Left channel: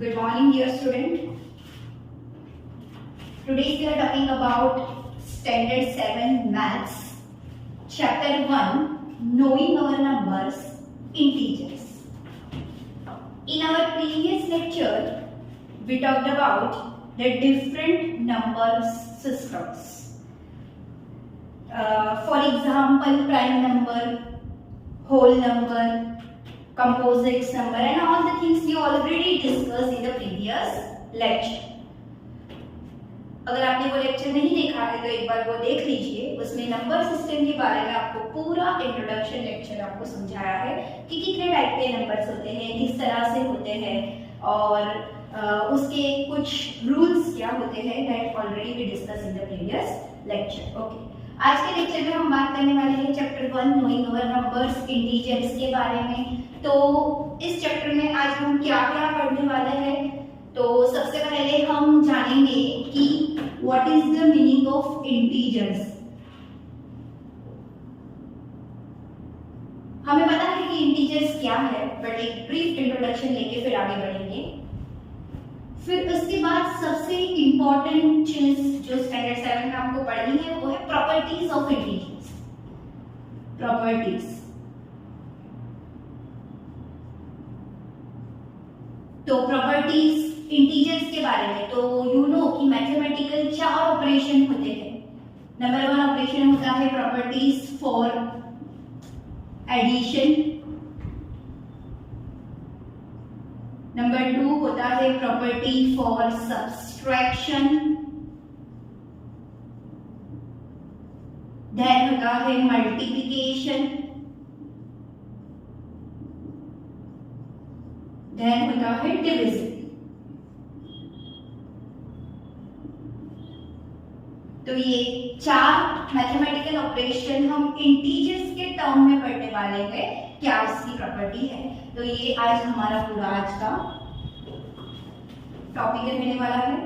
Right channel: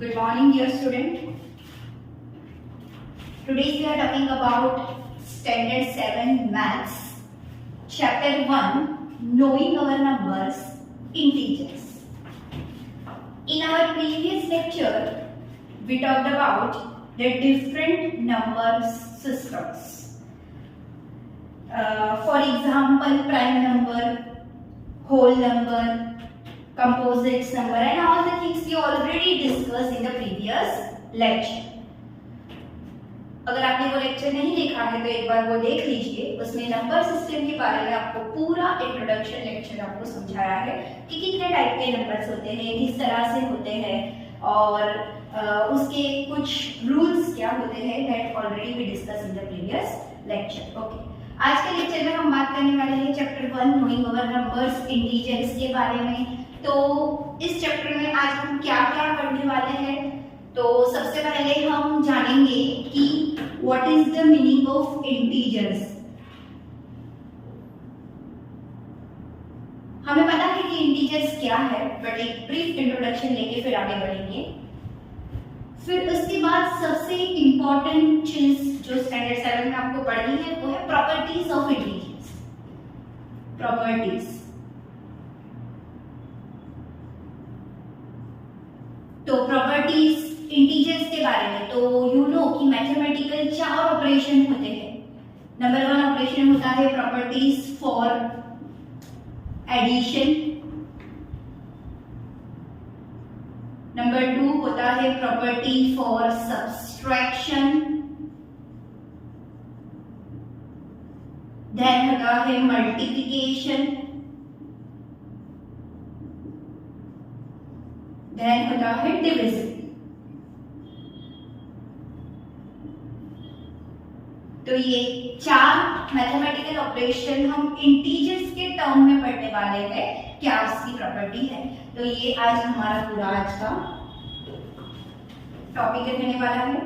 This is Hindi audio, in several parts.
Good morning, dear student. Today we are talking about Standard 7 Maths, Chapter 1, Knowing Our Numbers, Integers. In our previous lecture, we talked about the different number systems. For example, prime number, whole number, composite number and all the things we already discussed in the previous lecture. अगर आपने वो लेक्चर नहीं देखा है तो एक बार वो देख लीजिए. उसमें नंबर सिस्टम के बारे में आपको पूरा इंट्रोडक्शन लेक्चर आपको समझाया है कि कितने टाइप के नंबर्स होते हैं, किस तरह से होते हैं और उसके कुछ रूल्स क्या होते हैं. That already we discuss in the previous lecture. Okay, आज के लेक्चर में हम बात करने वाले हैं chapter 1 knowing our numbers integers के बारे में. तो इस चैप्टर में आज हम क्या क्या पढ़ने वाले हैं. तो सबसे पहले हम जानेंगे कि what is the meaning of integers. हमें पता है कि इंटीजर्स क्या है, बट एक ब्रीफ इंट्रोडक्शन लेके फिर आगे बढ़ेंगे. फिर उसके बाद सबसे इंपॉर्टेंट चीज जो स्टैंडर्ड 7 में आपको पढ़नी है वो है प्रॉपर्टीज ऑफ इंटीजर्स. प्रॉपर्टीज. तो प्रॉपर्टीज इंटीजर्स के बारे में तो यू नो कि मैथमेटिकल 4 ऑपरेशन होते हैं. नंबर 1 ऑपरेशन होता है प्रॉपर्टीज फॉर एडिशन. नंबर 2 होता है प्रॉपर्टी फॉर सब्सट्रैक्शन. देन होता है मल्टीप्लिकेशन. देन होता है डिविजन. तो ये 4 मैथमेटिकल ऑपरेशन हम इंटीजर्स के टर्म में पढ़ने वाले हैं. क्या उसकी प्रॉपर्टी है. तो ये आज हमारा पूरा आज का टॉपिक रहने वाला है.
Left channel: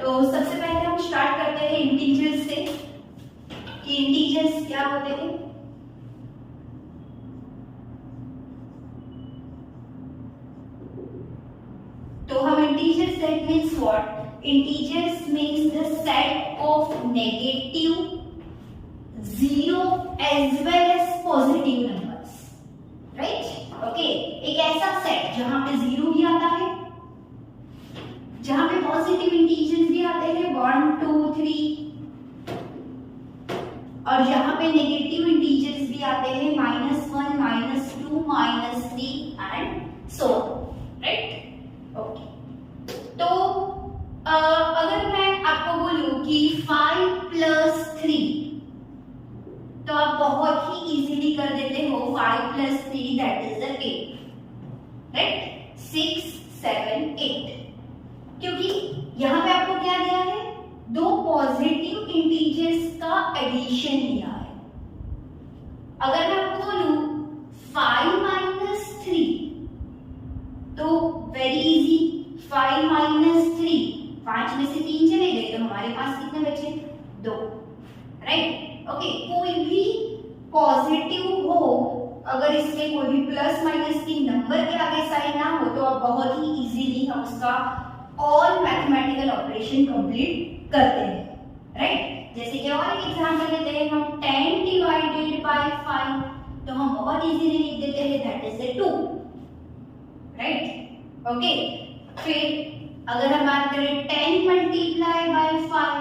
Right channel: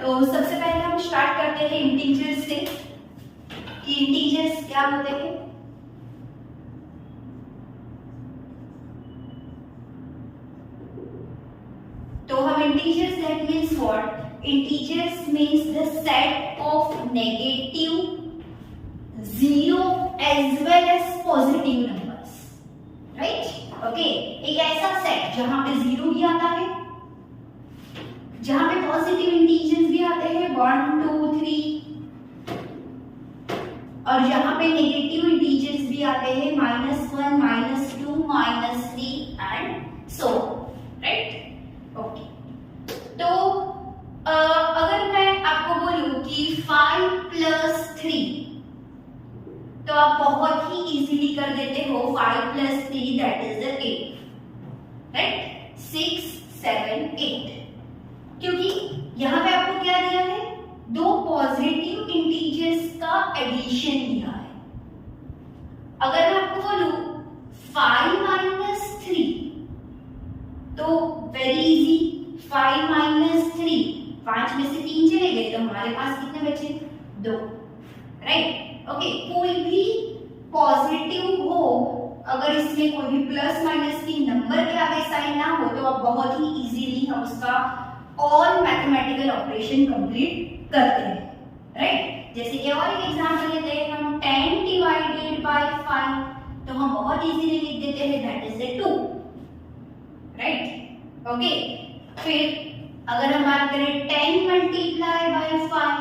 तो सबसे पहले हम स्टार्ट करते हैं इंटीजर्स से कि इंटीजर्स क्या होते हैं. तो हम integers that means what. Integers means the set of negative, zero as well as positive numbers, right? Okay, एक ऐसा सेट जहां पे जीरो भी आता है, जहां पे पॉजिटिव इंटीजर्स भी आते हैं 1 2 3 और जहां पे नेगेटिव इंटीजर्स भी आते हैं -1 -2 -3 एंड सो, राइट. ओके, तो अगर मैं आपको बोलूं कि 5 + 3 तो आप बहुत ही इजीली कर देते हो. 5 + 3 दैट इज द 8, राइट. 6 7 8 क्योंकि यहां पे आपको क्या दिया है, 2 पॉजिटिव इंटीजर्स का एडिशन दिया है. अगर मैं आपको बोलूं 5 - 3 तो वेरी इजी. 5 - 3 5 में से 3 चले गए तो हमारे पास कितने बचे, 2, राइट. ओके, कोई भी पॉजिटिव हो, अगर इसमें कोई भी प्लस माइनस की नंबर के आगे साइन ना हो तो आप बहुत ही इजीली हम उसका ऑल मैथमेटिकल ऑपरेशन कंप्लीट करते हैं, राइट. जैसे कि और एक एग्जांपल लेते हैं हम 10 / 5 तो हम बहुत इजीली लिख देते हैं that is the 2, right. Okay, फिर अगर हम बात करें 10 × 5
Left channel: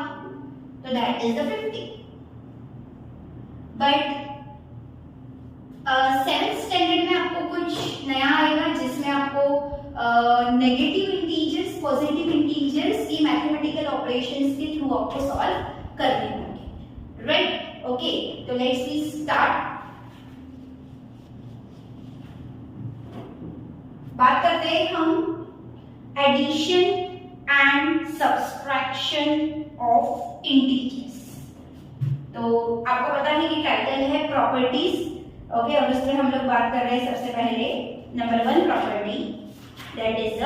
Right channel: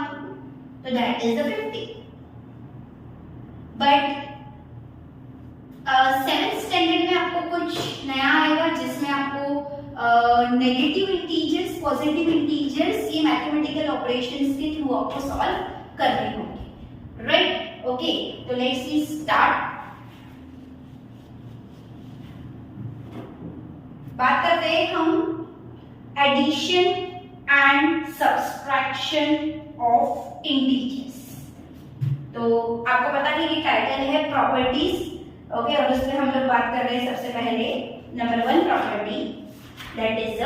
तो that is the 50. But 7th standard में आपको कुछ नया आएगा जिसमें आपको नेगेटिव इंटीजर्स पॉजिटिव इंटीजर्स की मैथमेटिकल ऑपरेशंस के थ्रू आपको सॉल्व करने होंगे, राइट. ओके, तो लेट्स वी स्टार्ट. बात करते हैं हम addition and subtraction of integers. तो आपको पता है कि टाइटल है प्रॉपर्टीज. ओके, और उसमें हम लोग बात कर रहे हैं सबसे पहले number 1 property that is the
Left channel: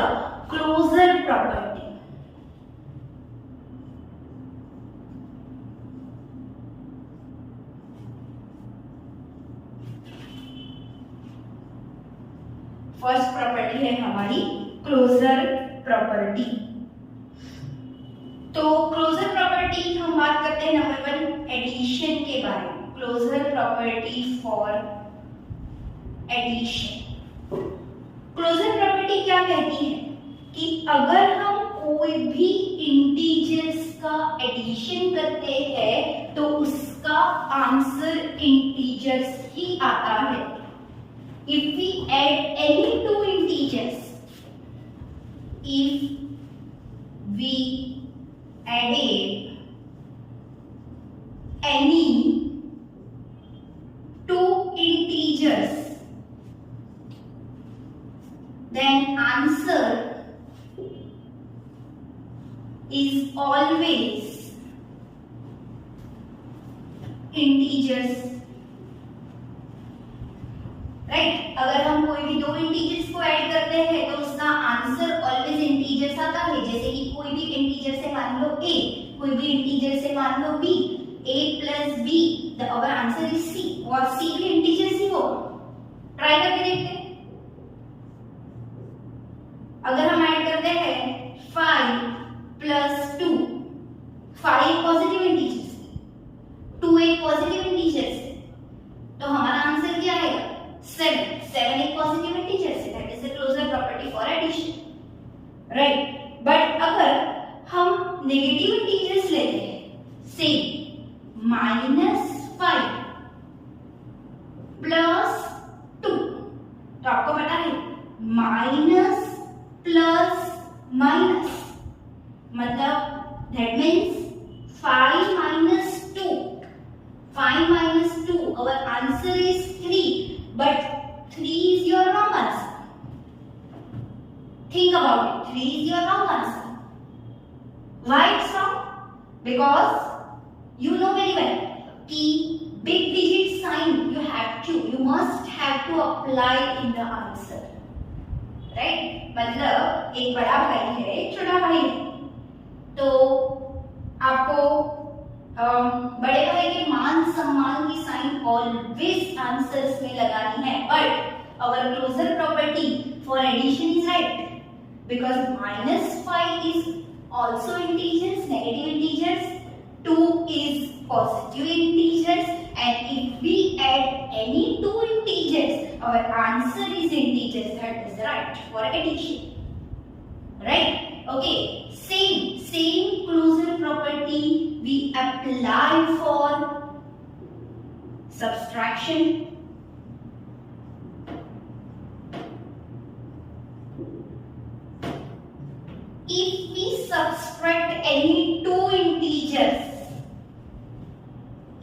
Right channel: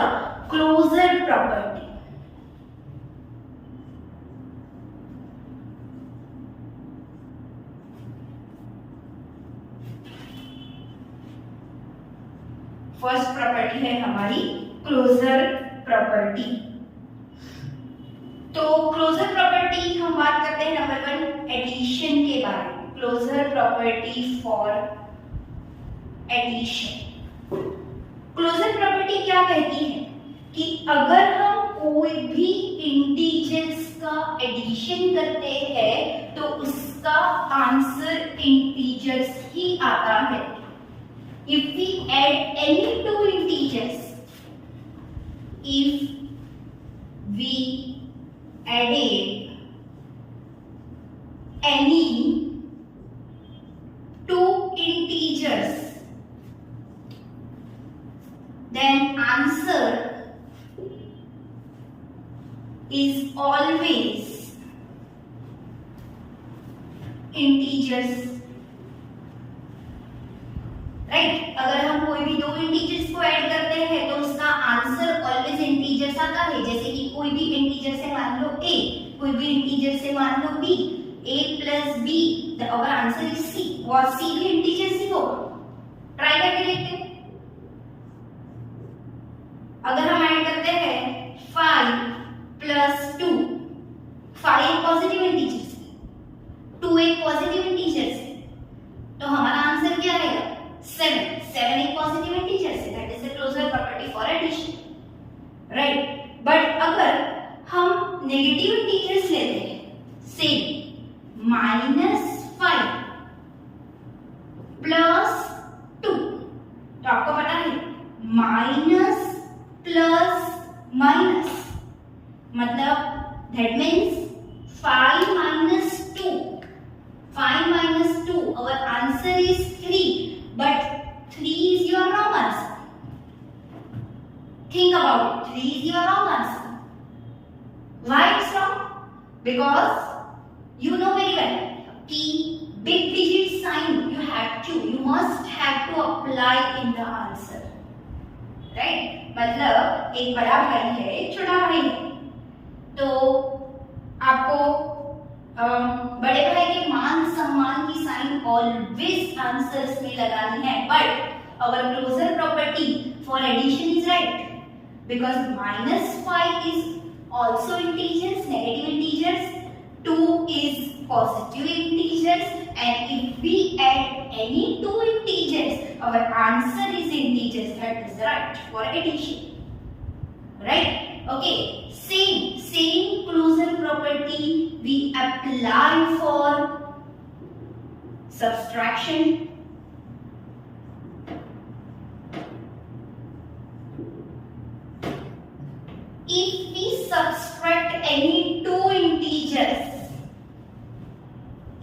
closure property. First property है हमारी क्लोजर प्रॉपर्टी। तो क्लोजर प्रॉपर्टी हम बात करते हैं नंबर 1 एडिशन के बारे में। Closure property for addition. Closure property क्या कहती है कि अगर हम कोई भी इंटीजर्स का एडिशन करते हैं तो उसका आंसर इंटीजर्स ही आता है। If we add any two integers, if we added any two integers, then answer is always integers, right. अगर हम कोई भी दो इंटीजर्स को ऐड करते हैं तो उसका आंसर ऑलवेज इंटीजर्स आता है। जैसे कि कोई भी इंटीजर से मान लो a, कोई भी इंटीजर से मान लो b, a plus b, our answer is c, और c भी इंटीजर ही होगा। ट्राई करके देखते हैं। अगर हम ऐड करते हैं 5 प्लस 2, 5 पॉजिटिव इंटीजर्स, 2 एक पॉजिटिव इंटीजर है, तो हमारा आंसर क्या आएगा 7। 7 एक पॉजिटिव इंटीजर है, that is the closure property for addition, right. But अगर हम नेगेटिव इंटीजर्स लेते हैं, से -5 प्लस 2, तो आपको पता है माइनस प्लस माइनस मतलब that means 5 minus 2, 5 minus 2, our answer is 3, but 3 is your wrong answer. Think about it, 3 is your wrong answer. Why it's wrong? Because you know very well कि big digit sign you must have to apply in the answer, right? मतलब एक बड़ा भाई है, एक छोटा भाई है, तो आपको बड़े भाई के मान सम्मान की साइन ऑलवेज आंसर्स में लगानी है। But our closure property for addition is right because -5 is also integers, negative integers, 2 is positive integers, and if we add any 2 integers our answer is integers, that is right for addition, right. Okay, same closure property we apply for subtraction. If we subtract any two integers,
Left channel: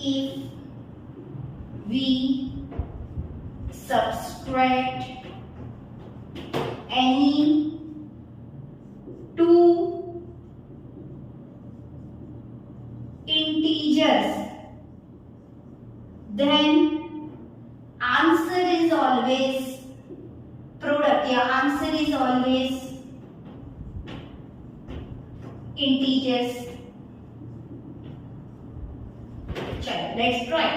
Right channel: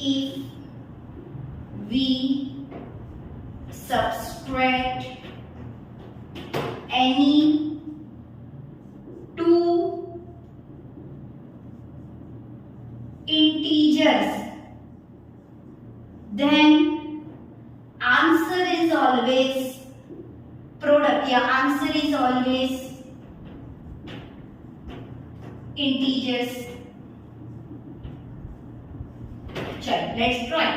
if we subtract any two integers, then answer is always product, या answer is always integers. चलो let's try.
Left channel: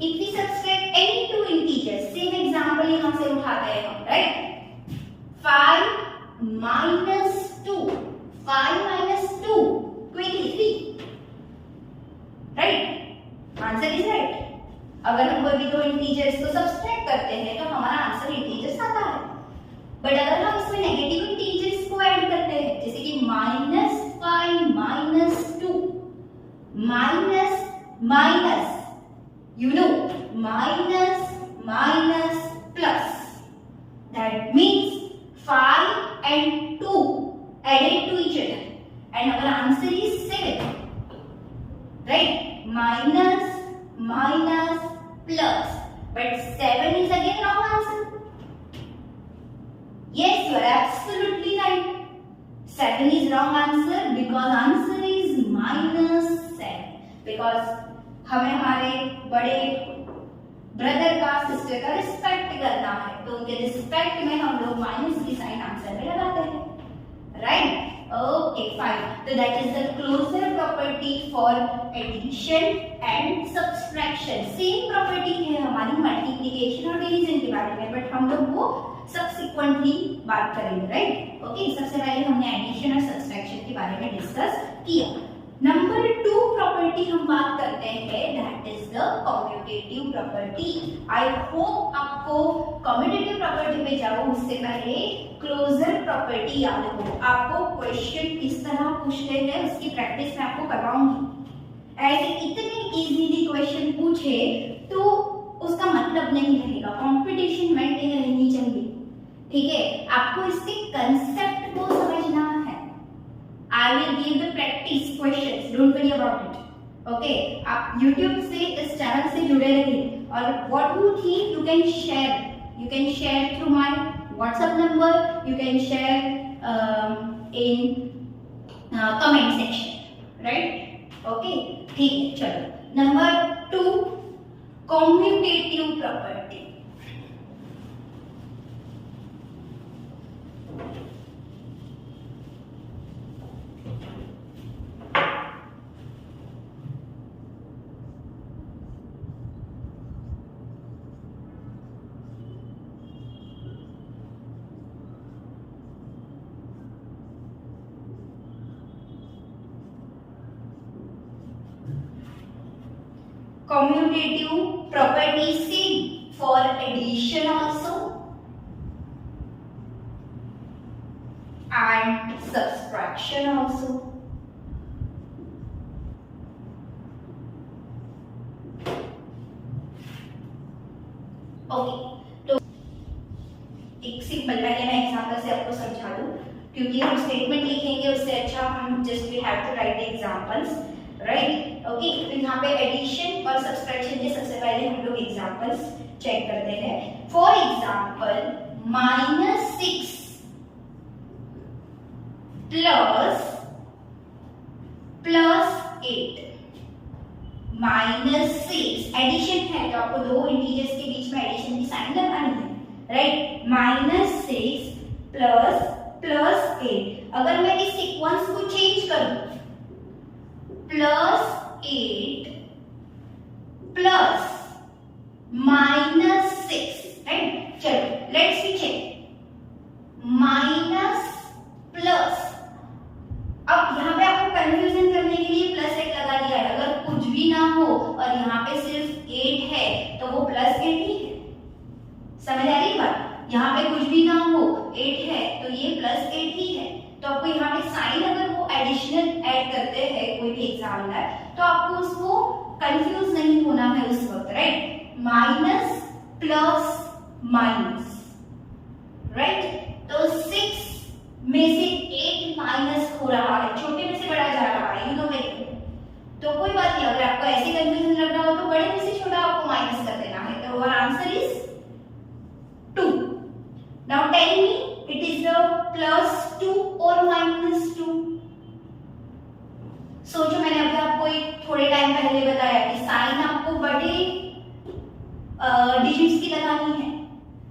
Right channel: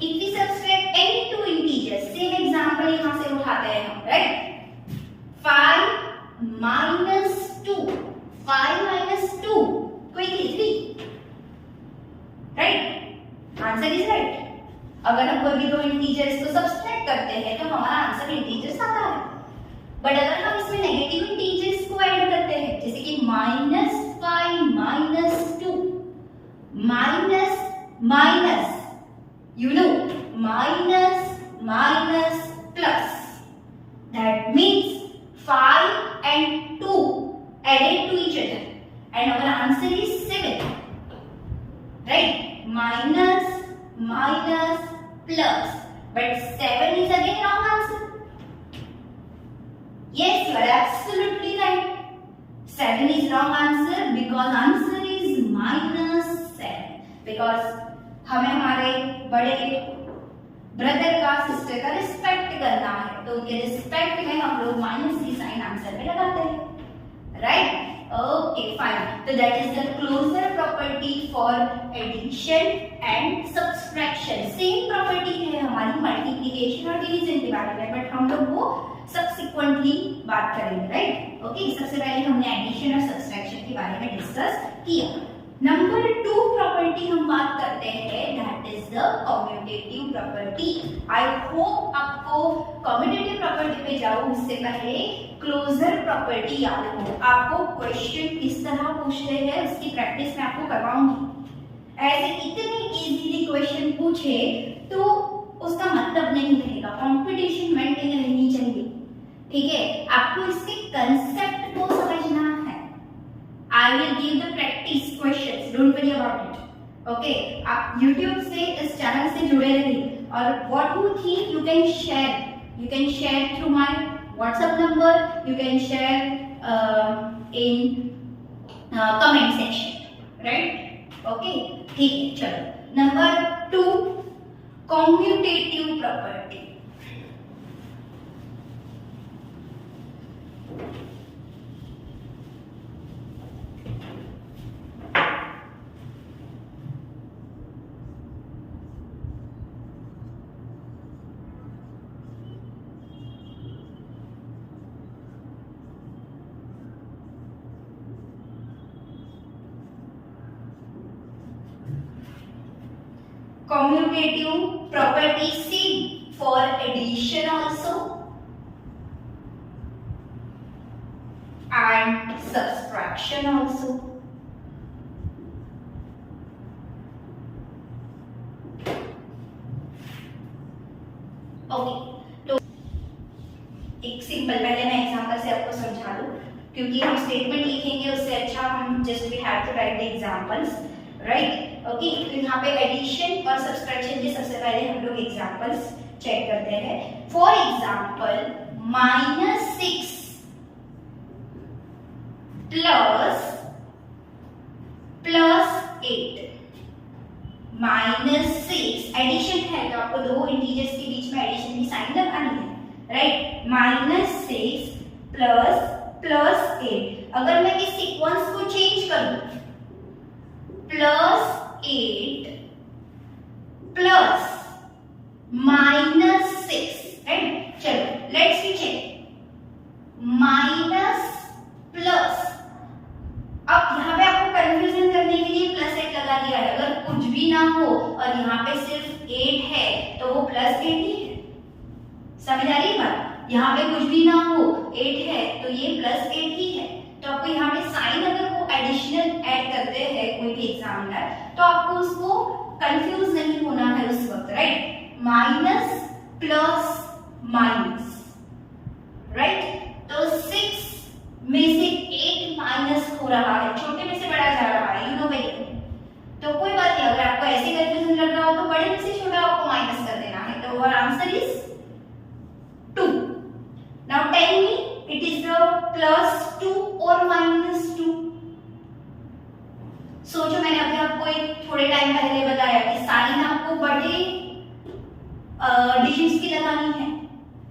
If we subtract any two integers, same example यहाँ से उठाते हैं हम, right? 5 minus 2, 5 minus 2, quickly 3, right? Answer is right. अगर हम कोई भी दो इंटीजर्स को सब्सट्रैक्ट करते हैं तो हमारा आंसर इंटीजर्स आता है। बट अगर हम इसमें नेगेटिव इंटीजर्स को ऐड करते हैं, जैसे कि -5 minus 2, minus minus, you know, minus plus, that means 5 and 2 added to each other, and our answer is 7, right? Minus plus, but 7 is again wrong answer. Yes, you are absolutely right. 7 is wrong answer because answer is -7. Because हमें हमारे बड़े ब्रदर का, सिस्टर का रिस्पेक्ट करना है, तो उनके रिस्पेक्ट में हम लोग माइनस की साइन आंसर में लगाते हैं, राइट? Okay fine. तो that is the closure property for addition and subtraction. Same property है हमारी मल्टीप्लिकेशन और डिवीजन के बारे में, बट हम लोग वो सबसिक्वेंटली बात करेंगे, राइट? ओके, सबसे पहले हमने एडिशन और सब्सट्रैक्शन के बारे में डिस्कस किया। नंबर 2 प्रॉपर्टी हम बात करते हैं, that is the commutative property. I hope आपको कम्यूटेटिव प्रॉपर्टी पे जाओ उससे पहले क्लोजर प्रॉपर्टी याद हो। आपको क्वेश्चन किस तरह पूछ रहे हैं उसकी प्रैक्टिस मैं आपको करवाऊंगी। ऐसे इतने इजीली क्वेश्चन पूछे तो उसका मतलब नहीं रहेगा, कंपटीशन मेंटेन रहनी चाहिए, ठीक है? आपको इसके कंसेप्ट को समझना है। I will give the practice questions, don't worry about it. Okay, आप YouTube से इस चैनल से जुड़े रहिए और what you think you can share through my WhatsApp number, you can share in comment section, right? Okay, ठीक है, चलो। Number 2 commutative property. Commutative property C for addition also and subtraction also. Okay, तो एक सिंपल, पहले मैं एग्जाम्पल से आपको समझा दूं, क्योंकि हम स्टेटमेंट लिखेंगे उससे अच्छा हम just we have to write the examples, right? Okay, तो यहाँ पे एडिशन और सब्सट्रैक्शन के सबसे पहले हम लोग एग्जांपल्स चेक करते हैं। फॉर एग्जांपल -6 प्लस 8, -6 एडिशन है तो आपको दो इंटीजर्स के बीच में एडिशन की साइन लगानी है, राइट? -6 प्लस 8। अगर मैं इस सीक्वेंस को चेंज करूं, +8 प्लस -6, राइट? चलो let's see check, minus plus. अब यहाँ पे आपको कंफ्यूजन करने के लिए +8 लगा दिया है। अगर कुछ भी ना हो और यहाँ पे सिर्फ 8 है तो वो +8 ही है, समझ आ रही बात? यहाँ पे कुछ भी ना हो, 8 है तो ये +8 ही है। तो आपको यहाँ पे साइन अगर वो एडिशनल ऐड करते हैं कोई भी एग्जामिनर, तो आपको उसको कंफ्यूज नहीं होना है उस वक्त, right? Minus plus minus, right? तो 6 में से 8 माइनस हो रहा है, छोटे में से बड़ा जा रहा है, यू नो वेरी गुड। तो कोई बात नहीं, अगर आपको ऐसे कंफ्यूजन लग रहा हो तो बड़े में से छोटा आपको माइनस कर देना है। तो our answer is 2। Now tell me, it is the +2 और -2? सोचो, मैंने अभी आपको एक थोड़े टाइम पहले बताया कि साइन आपको बड़े डिजिट्स की लगानी है,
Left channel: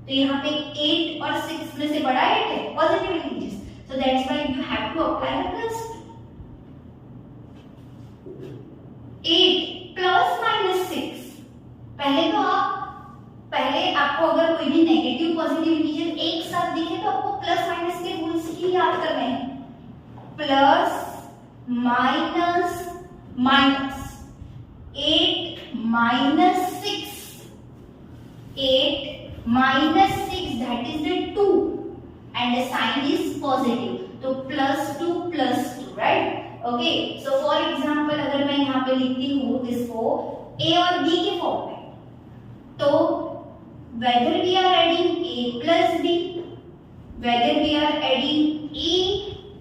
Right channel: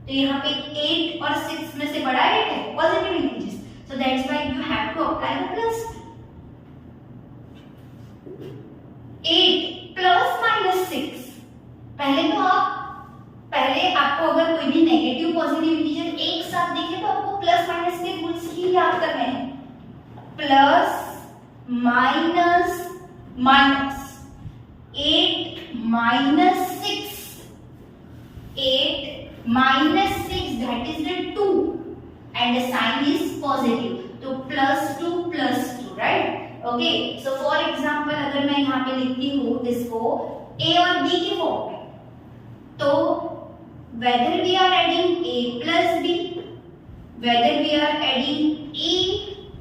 तो यहाँ पे 8 और 6 में से बड़ा 8 है, positive integers, so that's why you have to apply the plus. 8 plus -6, पहले आपको अगर कोई भी नेगेटिव पॉजिटिव इंटीजर एक साथ दिखे तो आपको प्लस माइनस के रूल्स ही याद करने हैं। Plus minus minus, 8 minus 6, 8 minus 6 that is the 2 and the sign is positive, तो +2, right? Okay, so for example अगर मैं यहाँ पे लिखती हूँ इसको a और b के फॉर्म में, तो whether we are adding a plus b, whether we are adding a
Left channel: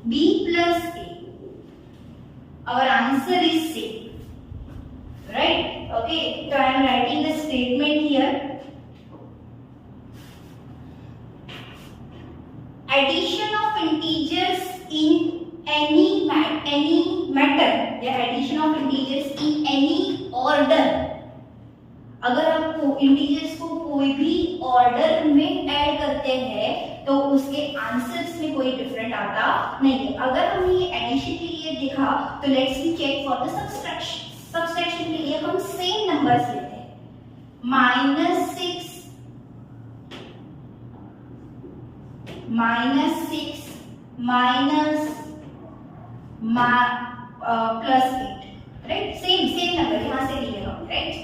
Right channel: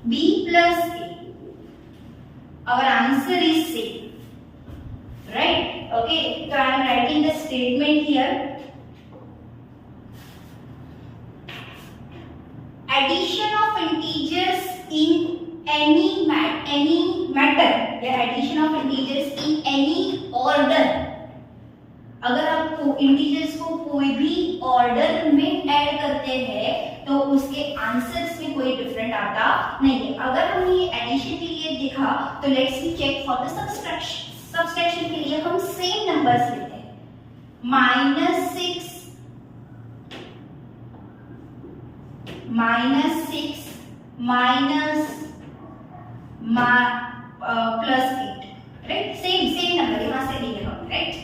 b plus a, our answer is same, right? Okay, so I am writing the statement here. Addition of integers in any matter, the addition of integers in any order, अगर आप इंटीजर्स को कोई भी ऑर्डर में ऐड करते हैं तो उसके आंसर्स में कोई डिफरेंट आता नहीं है। अगर हमने ये एडिशन के लिए देखा तो let's see check for the subtraction के लिए हम सेम नंबर्स लेते हैं, -6 -6 माइनस +8, राइट। सेम नंबर यहां से लिए हम, राइट।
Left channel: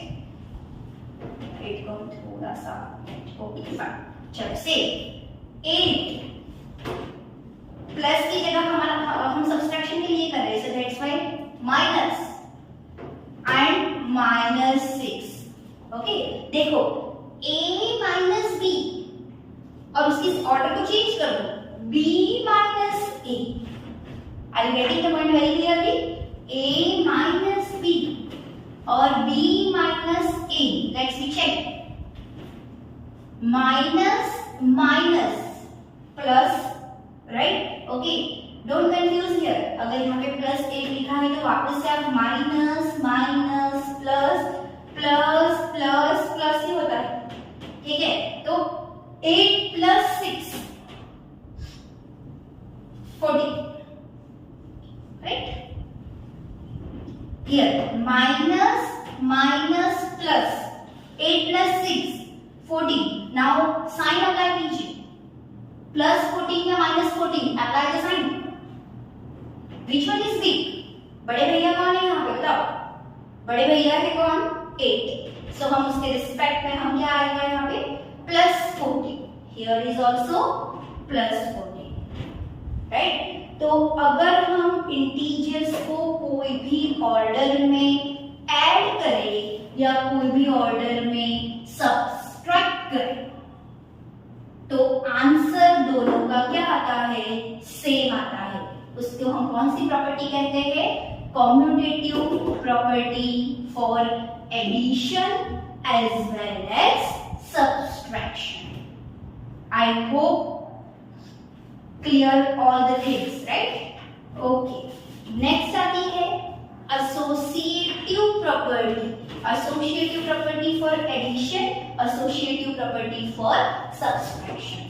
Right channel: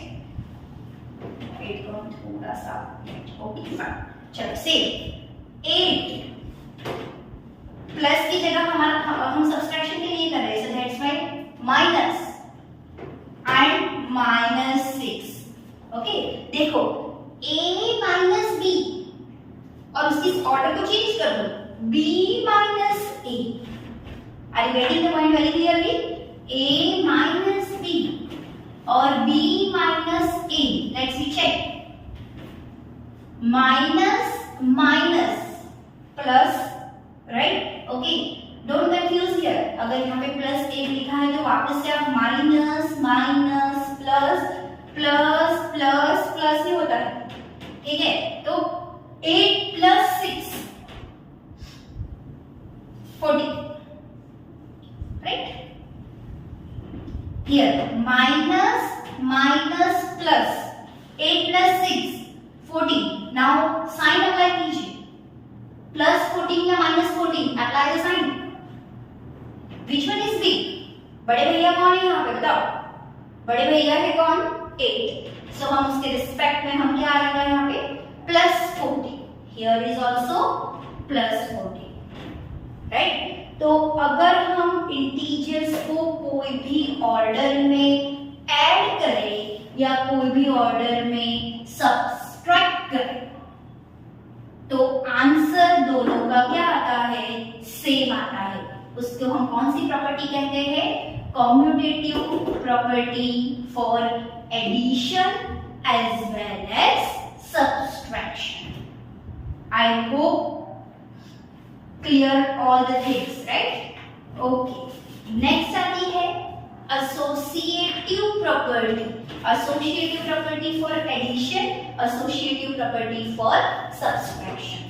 8 को थोड़ा सा, ओके फाइन। चलो सेम 8 प्लस की जगह हमारा हम सब्सट्रैक्शन के लिए कर रहे हैं, so that's why minus and -6, okay. देखो a माइनस बी और उसकी ऑर्डर को चेंज कर दो, b minus a। Are you getting the point very clearly? a minus b और b minus a, let's we check. Minus minus plus, right, okay. Don't confuse here, अगर यहाँ पे +1 लिखा है तो वापस से आप minus minus plus plus plus plus ही होता है, ठीक है। तो 8 + 6 14, right. Here minus minus plus 8 + 6 14। Now sign apply कीजिए, +14 या -14, apply the sign. Which one is big? बड़े भैया कौन है यहाँ पे बताओ? बड़े भैया है कौन? 8। सो हम उसके रिस्पेक्ट में हम क्या आएगा यहाँ पे? +14। Here is also +14, right. तो अगर हम इंटीजर्स को कोई भी ऑर्डर में ऐड करें या कोई भी ऑर्डर में सब्सट्रैक्ट करें तो आंसर दोनों का क्या आता है? सेम आता है। उसको हम कौन सी प्रॉपर्टी कहते हैं? Commutative property for addition as well as subtraction. I hope clear all the things, right. Okay, next आती है associative property. Associative property for addition, associative property for subtraction.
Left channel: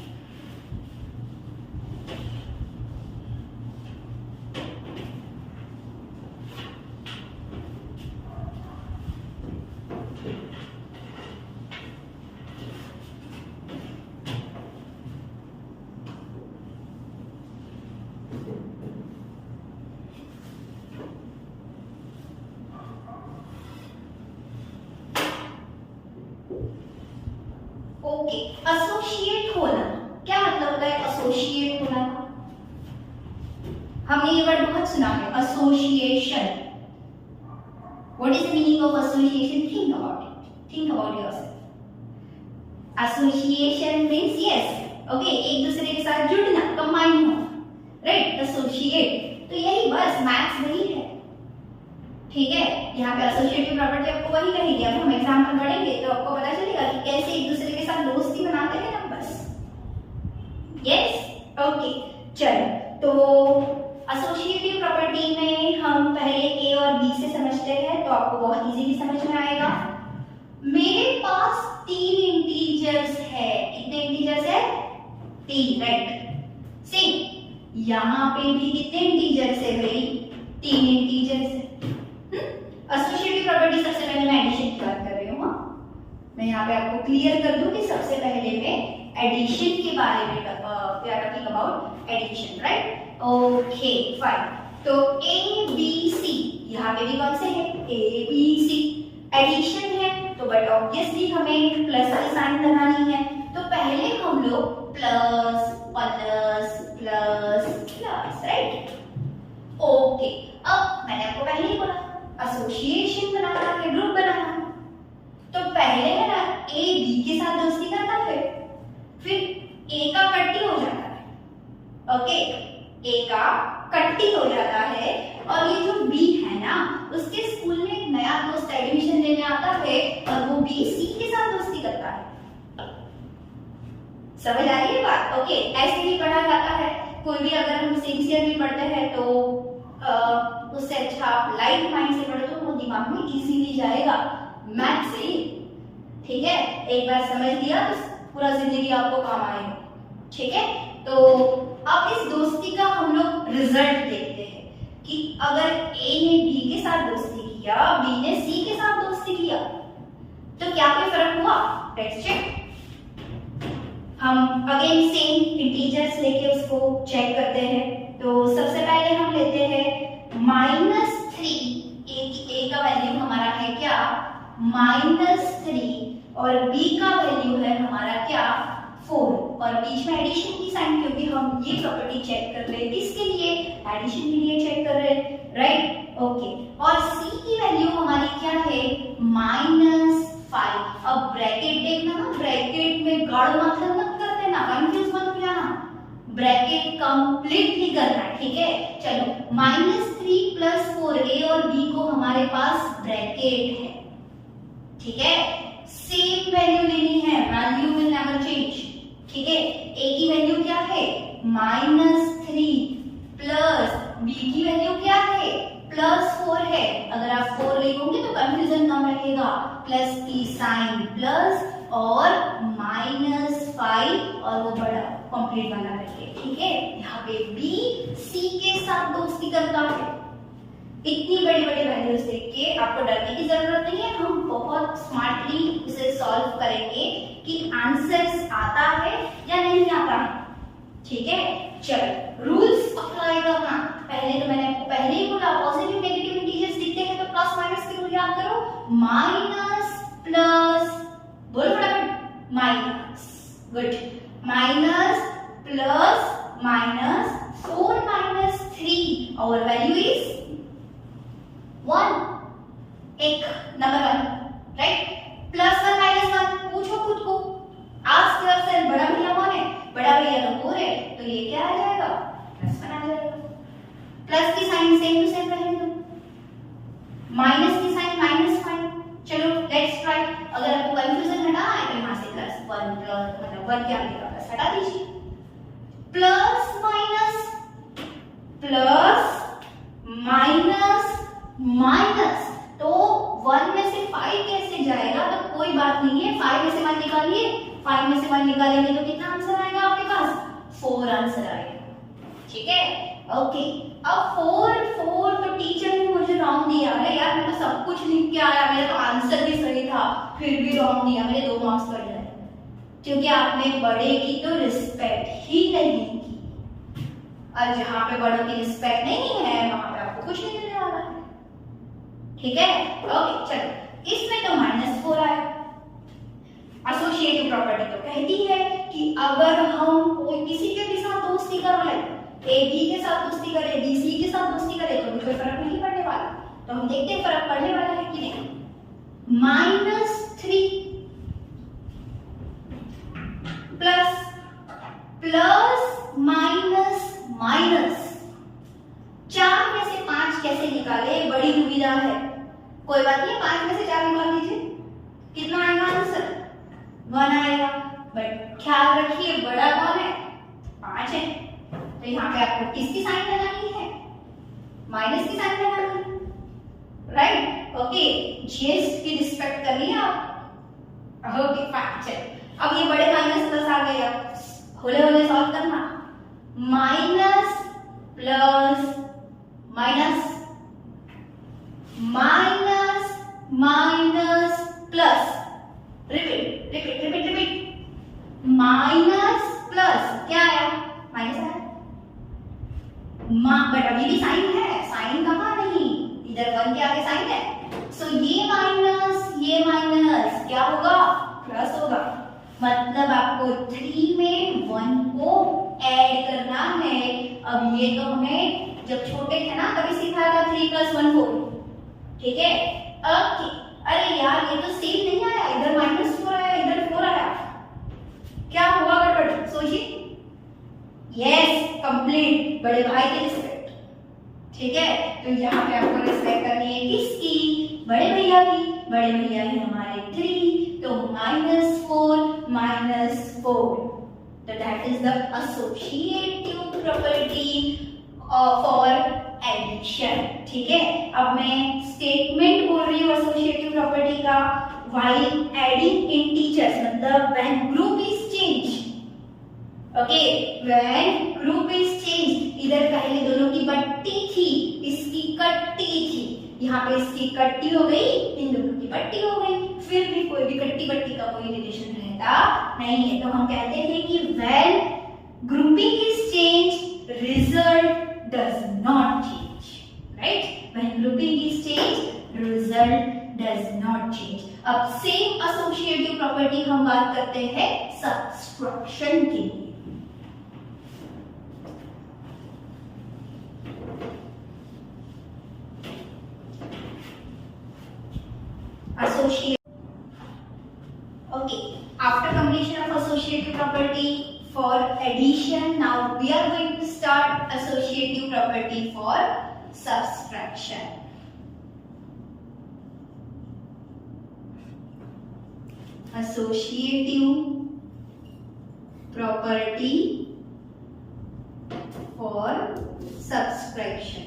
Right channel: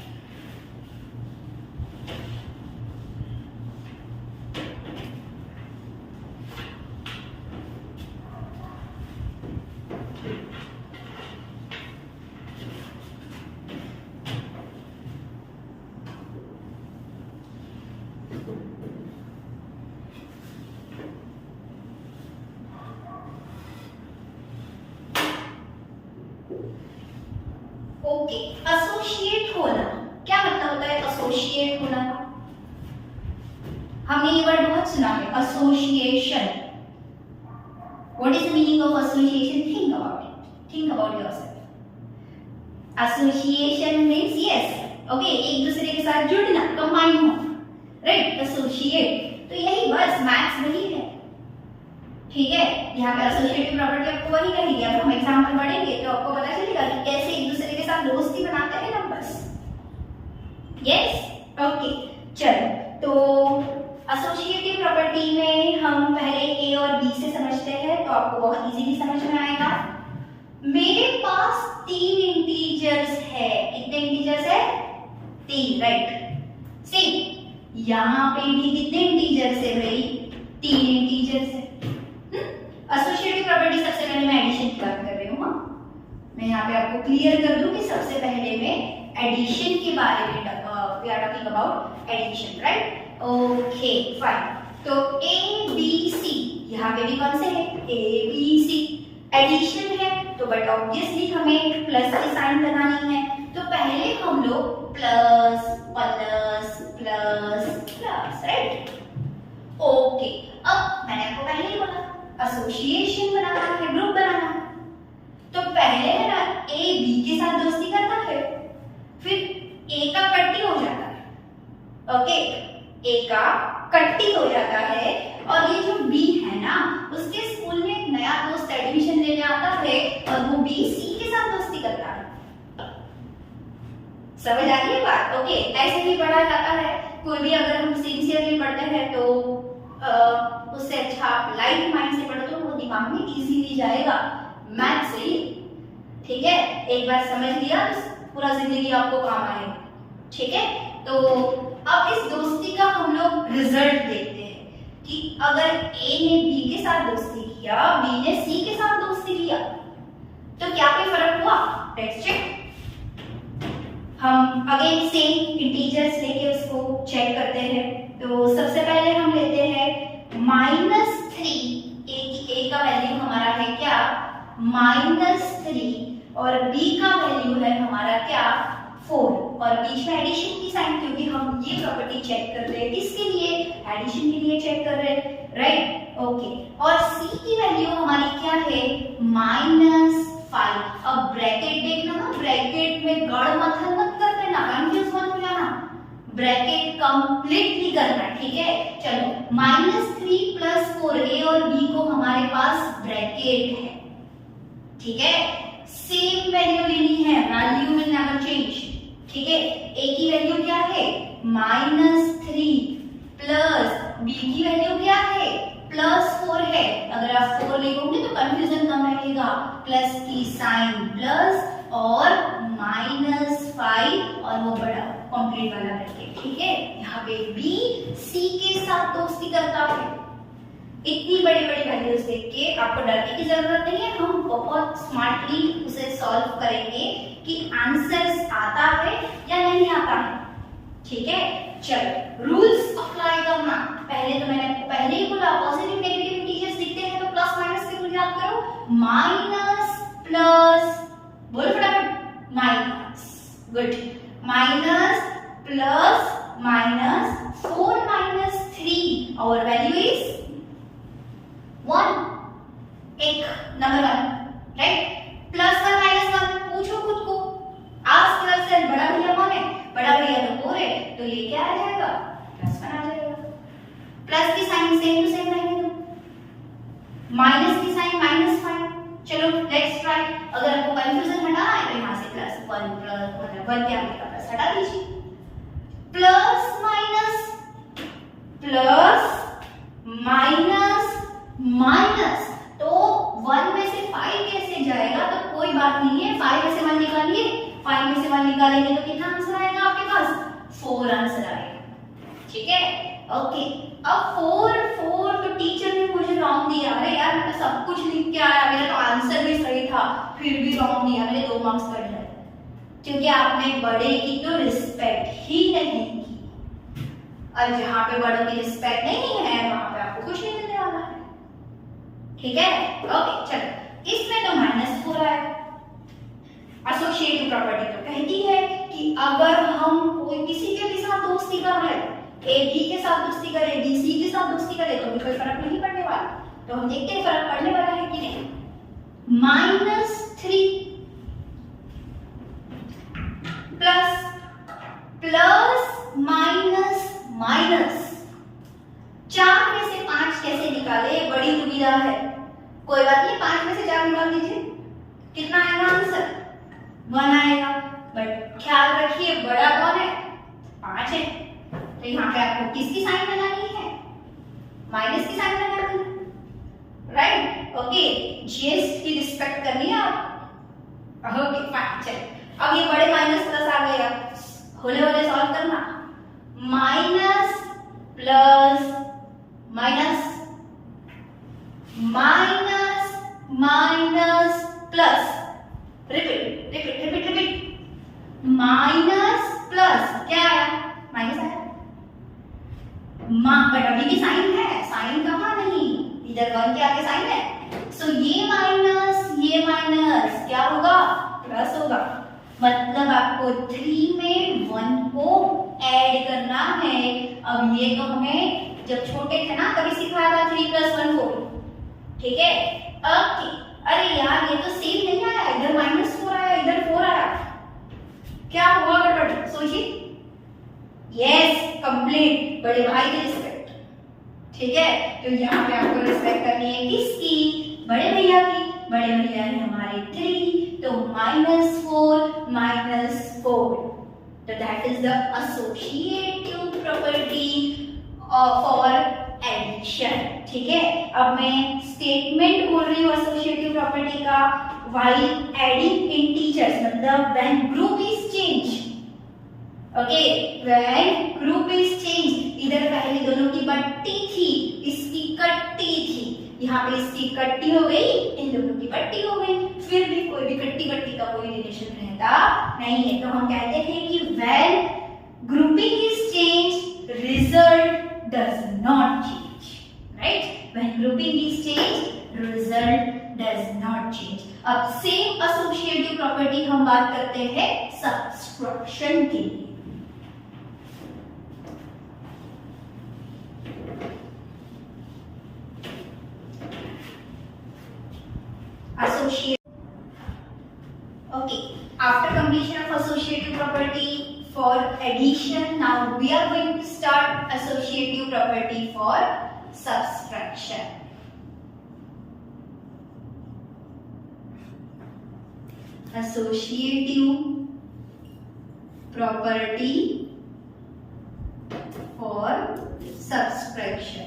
Okay, associate होना क्या मतलब होता है? एसोसिएट होना का हमने ये वर्ड बहुत सुना है, association. What is the meaning of association? Think about it, think about yourself. Association means yes, okay, एक दूसरे के साथ जुड़ना, कंबाइन होना, राइट। एसोसिएट, तो यही बस मैथ्स वही है, ठीक है। यहाँ पे एसोसिएटिव प्रॉपर्टी आपको वही कहेगी। अब हम एग्जांपल पढ़ेंगे तो आपको पता चलेगा कि कैसे एक दूसरे के साथ दोस्ती बनाते हैं नंबर्स। यस, ओके, चलो। तो एसोसिएटिव प्रॉपर्टी में हम पहले ए और बी से समझते हैं तो आपको बहुत इजीली समझ में आएगा। मेरे पास 3 इंटीजर्स है। कितने इंटीजर्स है? 3, राइट। सेम यहाँ पे भी कितने इंटीजर्स है भाई? 3 इंटीजर्स है। एसोसिएटिव प्रॉपर्टी सबसे पहले मैं एडिशन की बात कर रही हूँ। मैं यहाँ पे आपको क्लियर कर दूं कि सबसे पहले मैं एडिशन के बारे में we are talking about addition, right. Okay fine. तो ए बी सी यहाँ पे भी कौन से है? ए बी सी एडिशन है तो बट ऑब्वियसली हमें प्लस की साइन लगानी है। तो पहले हम लोग plus plus plus plus, right. Okay, अब मैंने आपको पहले ही बोला एसोसिएशन बनाना है, ग्रुप बनाना है। तो पहले है ना ए बी के साथ दोस्ती करता है, फिर ए का कट्टी हो जाता है, ओके, ए का कट्टी हो जाता है। और ये जो बी है ना उसके स्कूल में एक नया दोस्त एडमिशन लेने आता है और वो बी सी के साथ दोस्ती करता है। समझ आ रही है बात? ओके, ऐसे ही पढ़ा जाता है। कोई भी अगर हम सिंसियरली पढ़ते हैं तो उससे अच्छा आप लाइट माइंड से पढ़ो तो वो दिमाग में इजीली जाएगा मैथ से, ठीक है। एक बार समझ लिया तो पूरा जिंदगी आपको काम आएगा, ठीक है। तो अब इस दोस्ती का हम लोग रिजल्ट देखते हैं कि अगर ए ने बी के साथ दोस्ती किया, बी ने सी के साथ दोस्ती किया तो क्या कोई फर्क हुआ? Let's check. हम अगेन सेम इंटीजर्स लेके उसको चेक करते हैं। तो सबसे पहले हम लेते हैं -3, ए का वैल्यू हमारा है क्या -3 और बी का वैल्यू है हमारा क्या 4 और बीच में एडिशन की साइन, क्योंकि हम ये प्रॉपर्टी चेक कर रहे हैं किसके लिए एडिशन के लिए चेक कर रहे हैं, राइट ओके। और सी की वैल्यू हमारी क्या है -5। अब ब्रैकेट देखना ना, ब्रैकेट में गड़ मथन मत कर देना, कंफ्यूज मत हो जाना, ब्रैकेट कंप्लीटली करना है, ठीक है। चलो -3 + 4 ए और बी को हमारे पास ब्रैकेट है, ठीक है। सेम वैल्यू लेनी है, वैल्यू विल नेवर चेंज, ठीक है। ए की वैल्यू क्या है -3 प्लस बी की वैल्यू क्या है +4 है। अगर आप 4 लिखोगे तो कंफ्यूजन कम रहेगा, प्लस की साइन प्लस और -5 और वो बड़ा कंप्लीट वाला करके, ठीक है। यहाँ पे बी सी के साथ दोस्ती करता है। इतनी बड़ी बड़ी वैल्यूज देख के आपको डरने की जरूरत नहीं है, हम बहुत स्मार्टली उसे सॉल्व करेंगे कि आंसर्स आता है या नहीं आता है, ठीक है। चलो रूल्स अप्लाई करना, पहले तो मैंने आपको पहले ही बोला पॉजिटिव नेगेटिव इंटीजर्स दिखते हैं तो प्लस माइनस के रूल याद करो, माइनस प्लस, बोलो फटाफट minus, good, minus plus minus 4 - 3 और वैल्यू इज 1, एक नंबर 1, राइट। +1 -1 पूछो खुद को, आस्क योरसेल्फ बड़ा भैया कौन है, बड़ा भैया तो 4 है, तो ये क्या आ जाएगा +1 आ जाएगा। प्लस की साइन सेम टू सेम रहेगी, माइनस की साइन -5। चलो लेट्स ट्राई, अगर आपको कंफ्यूजन हटाना है तो यहाँ से +1 + 1 क्या आएगा, बस हटा दीजिए, प्लस माइनस माइनस, तो 1 में से 5 कैसे जाएगा, तो कोई बात नहीं है, 5 में से 1 निकालिए, 5 में से 1 निकालेंगे तो कितना आंसर आएगा आपके पास 4 आंसर आएगा, ठीक है ओके। अब 4 तो टीचर ने मुझे रॉन्ग दिया, अरे यार मैं तो सब कुछ लिख के आया, मेरा तो आंसर भी सही था, फिर भी रॉन्ग दिया, मेरे 2 मार्क्स कट गए, क्योंकि आपने बड़े की तो रिस्पेक्ट ही नहीं की, और जहां पे बड़ों की रिस्पेक्ट नहीं है वहां पे आपको कुछ नहीं मिलने वाला है, ठीक है ओके। चलो इसमें तो -4 आया। एसोसिएटिव प्रॉपर्टी तो कहती है कि अगर हम कोई किसी के भी साथ दोस्ती कर रहे हैं, ए बी के साथ दोस्ती करे, बी सी के साथ दोस्ती करे, तो भी कोई फर्क नहीं पड़ने वाला। तो हम देखते हैं फर्क पड़ने वाला है कि नहीं। -3 प्लस माइनस 4 में से 5 कैसे निकाले, बड़ी दुविधा है, कोई बात नहीं, 5 में से 4 निकाल दीजिए, कितना आएगा आंसर 1 आएगा, बट ख्याल रखिए बड़ा कौन है 5 है, तो यहाँ पे आपको किसकी साइन लगानी है, माइनस की साइन लगानी है, राइट ओके। जीएस की रिस्पेक्ट करनी है आप, ओके फाइन। चलिए अब ये बड़े माइनस प्लस आ गया, होले होले सॉल्व करना, minus plus minus minus minus plus, repeat, minus plus, क्या आया माइनस आया, बट अभी भी साइन है, साइन कहाँ नहीं, इधर 1 के आगे साइन है, सो ये माइनस क्या होगा प्लस होगा, मतलब आपको 3 में 1 को ऐड करना है। अब ये तो हमें जब छोटे थे ना तभी सिखाया था 3 + 1 4, ठीक है ओके। अरे यार ये तो सेम नहीं आया, इधर -4 आया, इधर 4 आया, क्या हुआ गड़बड़ सोचिए। यस कंप्लीट, बड़े भाई की रिस्पेक्ट, ठीक है। तो यहाँ पे आपको रिस्पेक्ट करनी है किसकी, बड़े भैया की, बड़े भैया है हमारे 3, तो -4 तो that is the associative property for addition, ठीक है। अब मैं स्टेटमेंट बोल रही हूँ एसोसिएटिव प्रॉपर्टी का, व्हाइल एडिंग इंटीजर्स, मतलब when group is change, okay when group is change, इधर पहले दोनों की बट्टी थी, इसकी कट्टी थी, यहाँ पे इसकी कट्टी हो गई, इन दोनों की बट्टी हो गई, फिर भी कोई भी कट्टी बट्टी का कोई रिलेशन रहता नहीं है। तो हम कहते थे कि when grouping is change result does not change, right? When grouping is change result does not change. अब सेम एसोसिएटिव प्रॉपर्टी हम बात करते हैं सब्सट्रैक्शन के लिए। Okay, after completion of associative property for addition, now we are going to start associative property for subtraction. Associative property for subtraction.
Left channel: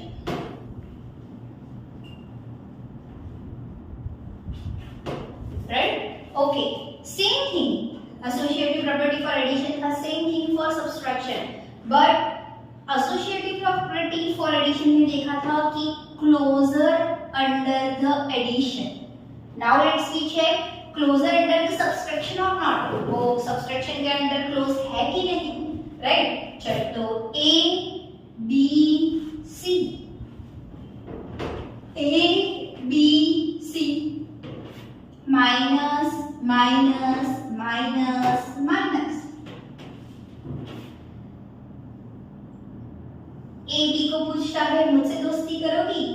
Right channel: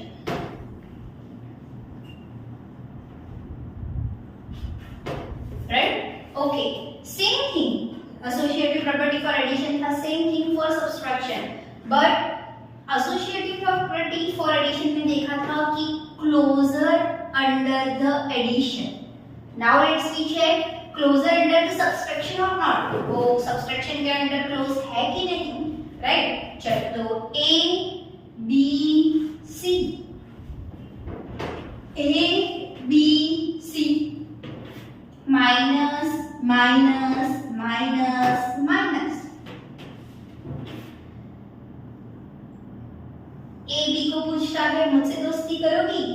Right? Okay. Same thing. Associative property for addition था, same thing for subtraction. But associative property for addition में देखा था कि closer under the addition. Now let's see check closer under the subtraction or not. वो subtraction के अंदर close है कि नहीं, right? चलो तो A B C minus minus minus minus. A B को पूछता है मुझसे दोस्ती करोगी,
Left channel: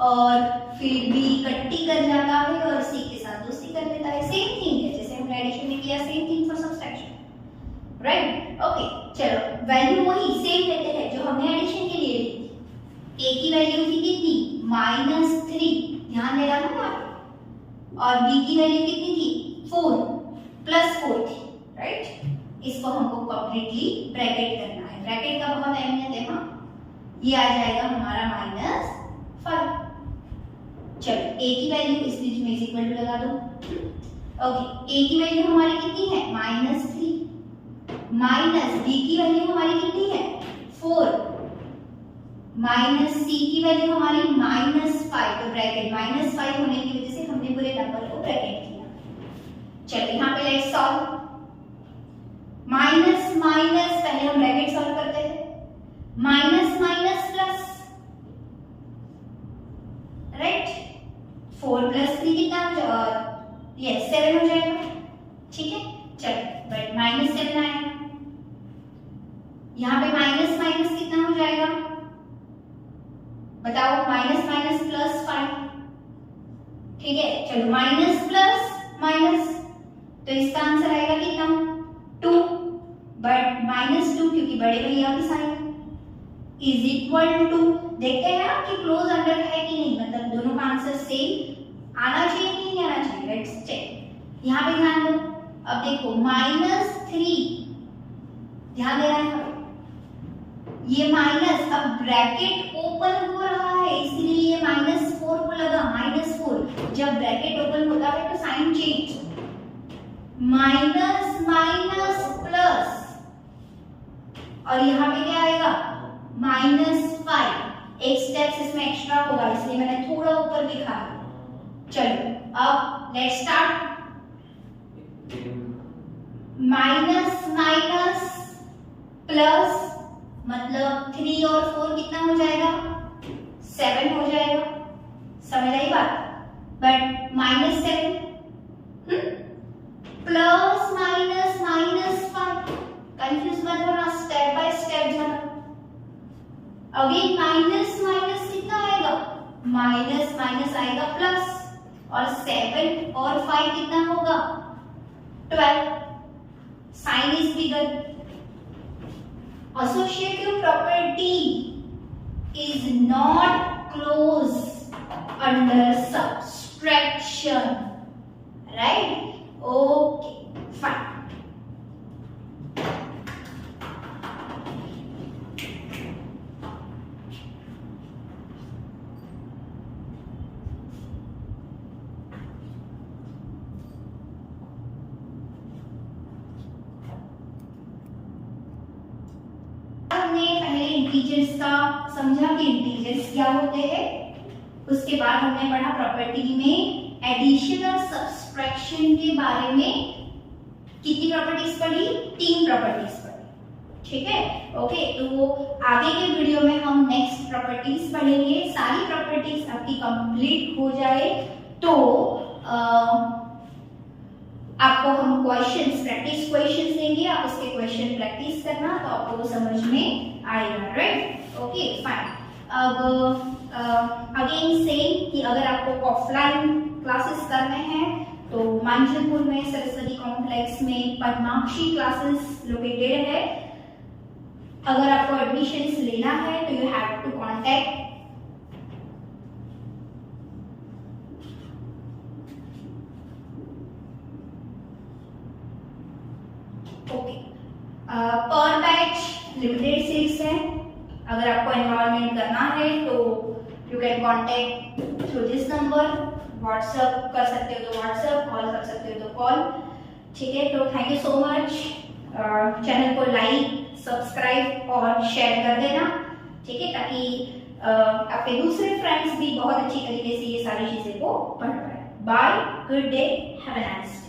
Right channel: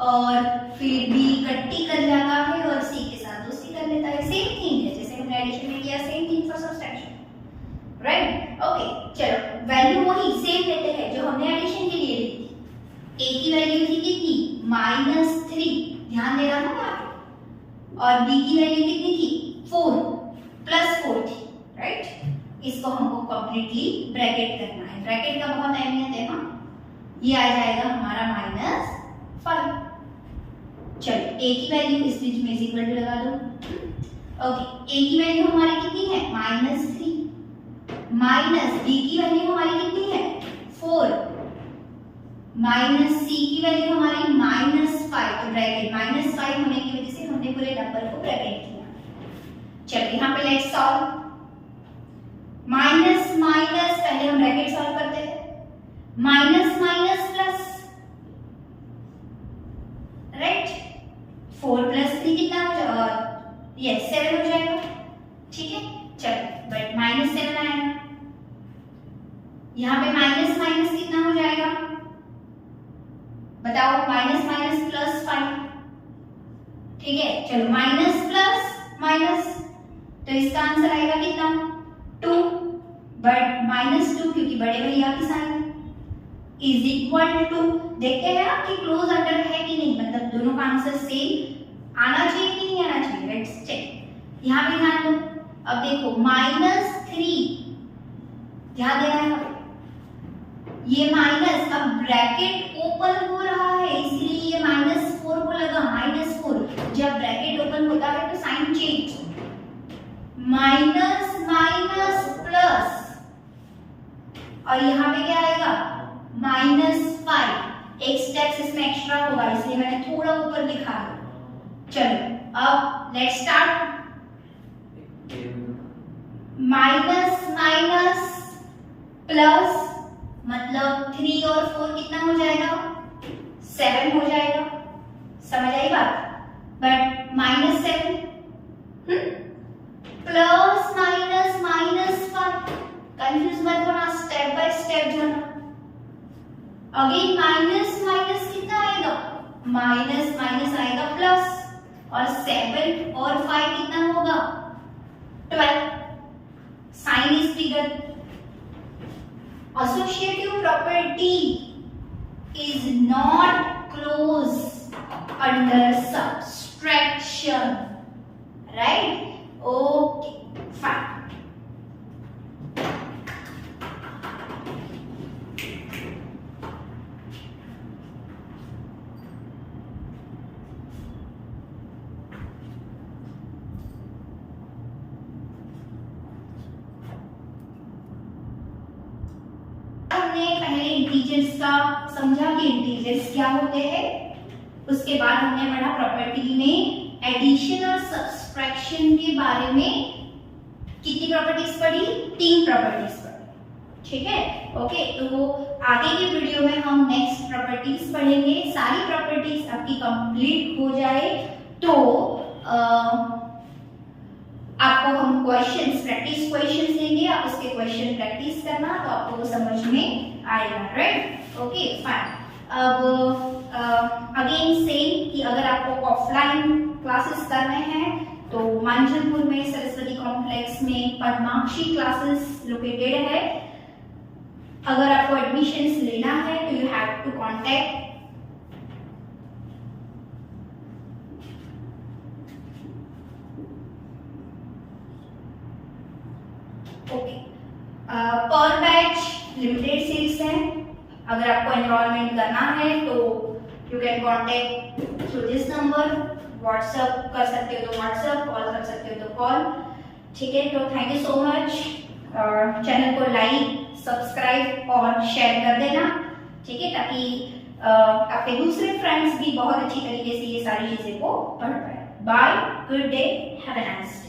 और फिर बी कट्टी कर जाता है और सी के साथ दोस्ती कर लेता है। सेम थिंग है जैसे हमने एडिशन में किया, same thing for subtraction, right? Okay, चलो वैल्यू वही सेम लेते हैं जो हमने एडिशन के लिए ली थी। ए की वैल्यू थी कितनी? -3, ध्यान देना ना यहाँ पे, और बी की वैल्यू कितनी थी? 4 +4 थी, राइट? इसको हमको कंप्लीटली ब्रैकेट करना है। ब्रैकेट का बहुत अहमियत है। हाँ, ये आ जाएगा हमारा -5। चलो ए की वैल्यू इस बीच में इक्वल टू लगा दो। ओके, ए की वैल्यू हमारी कितनी है? -3 माइनस बी की वैल्यू हमारी कितनी है? 4 माइनस सी की वैल्यू हमारी -5। तो ब्रैकेट -5 होने की वजह से हमने पूरे नंबर को ब्रैकेट किया। चलिए यहाँ पे लेट्स सॉल्व। माइनस माइनस पहले हम ब्रैकेट सॉल्व करते हैं। Minus minus plus, right? 4 + 3 कितना हो जाएगा? यस 7 हो जाएगा, ठीक है। चलो बट -7 आएगा। यहाँ पे माइनस माइनस कितना हो जाएगा बताओ? -5, ठीक है। चलो माइनस प्लस माइनस, तो इसका आंसर आएगा कितना? 2, बट -2 क्योंकि बड़े भैया की साइन इज इक्वल टू, देखते हैं ना कि क्लोज अंडर है कि नहीं, मतलब दोनों का आंसर सेम आना चाहिए कि नहीं आना चाहिए। Let's check. यहाँ पे ध्यान दो, अब देखो -3, ध्यान देना है ये माइनस, अब ब्रैकेट ओपन हो रहा है इसलिए ये -4 को लगा। -4 जब ब्रैकेट ओपन होता है तो sign change, minus minus plus, और यहाँ पे क्या आएगा? -5। एक स्टेप इसमें एक्स्ट्रा होगा इसलिए मैंने थोड़ा ऊपर लिखा है। चलो अब let's start. Minus minus plus, मतलब 3 और 4 कितना हो जाएगा? 7 हो जाएगा। समझ आई बात? बट -7 प्लस माइनस -5, कंफ्यूज मत होना, स्टेप बाय स्टेप जाना। अगेन माइनस माइनस कितना आएगा? माइनस माइनस आएगा प्लस, और 7 और 5 कितना होगा? 12। Sign is bigger. Associative property is not close under subtraction, right? Okay, fine. हमने पहले इंटीजर्स का समझा कि इंटीजर्स क्या होते हैं, उसके बाद हमने पढ़ा प्रॉपर्टी में एडिशन और सब्सट्रैक्शन एब्स्ट्रैक्शन के बारे में कितनी प्रॉपर्टीज पढ़ी? 3 प्रॉपर्टीज पढ़ी। ठीक है, ओके। तो आगे के वीडियो में हम नेक्स्ट प्रॉपर्टीज पढ़ेंगे। सारी प्रॉपर्टीज आपकी कंप्लीट हो जाए तो आपको हम क्वेश्चंस, प्रैक्टिस क्वेश्चंस देंगे, आप उसके क्वेश्चन प्रैक्टिस करना तो आपको वो समझ में आएगा, राइट? Okay fine. अब अगेन सेम कि अगर आपको ऑफलाइन क्लासेस करने हैं तो मांझलपुर में सरस्वती कॉम्प्लेक्स में पद्माक्षी क्लासेस लोकेटेड है। अगर आपको एडमिशंस लेना है तो यू हैव टू कॉन्टेक्ट पर बैच लिमिटेड सीट्स हैं। अगर आपको एनरोलमेंट करना है तो you can contact through this number. WhatsApp कर सकते हो तो व्हाट्सएप, कॉल कर सकते हो तो कॉल। ठीक है, तो thank you so much. Channel को लाइक, सब्सक्राइब और शेयर कर देना, ठीक है, ताकि आपके दूसरे फ्रेंड्स भी बहुत अच्छी तरीके से ये सारी चीजें को पढ़ पाए। Bye, good day, have a nice day.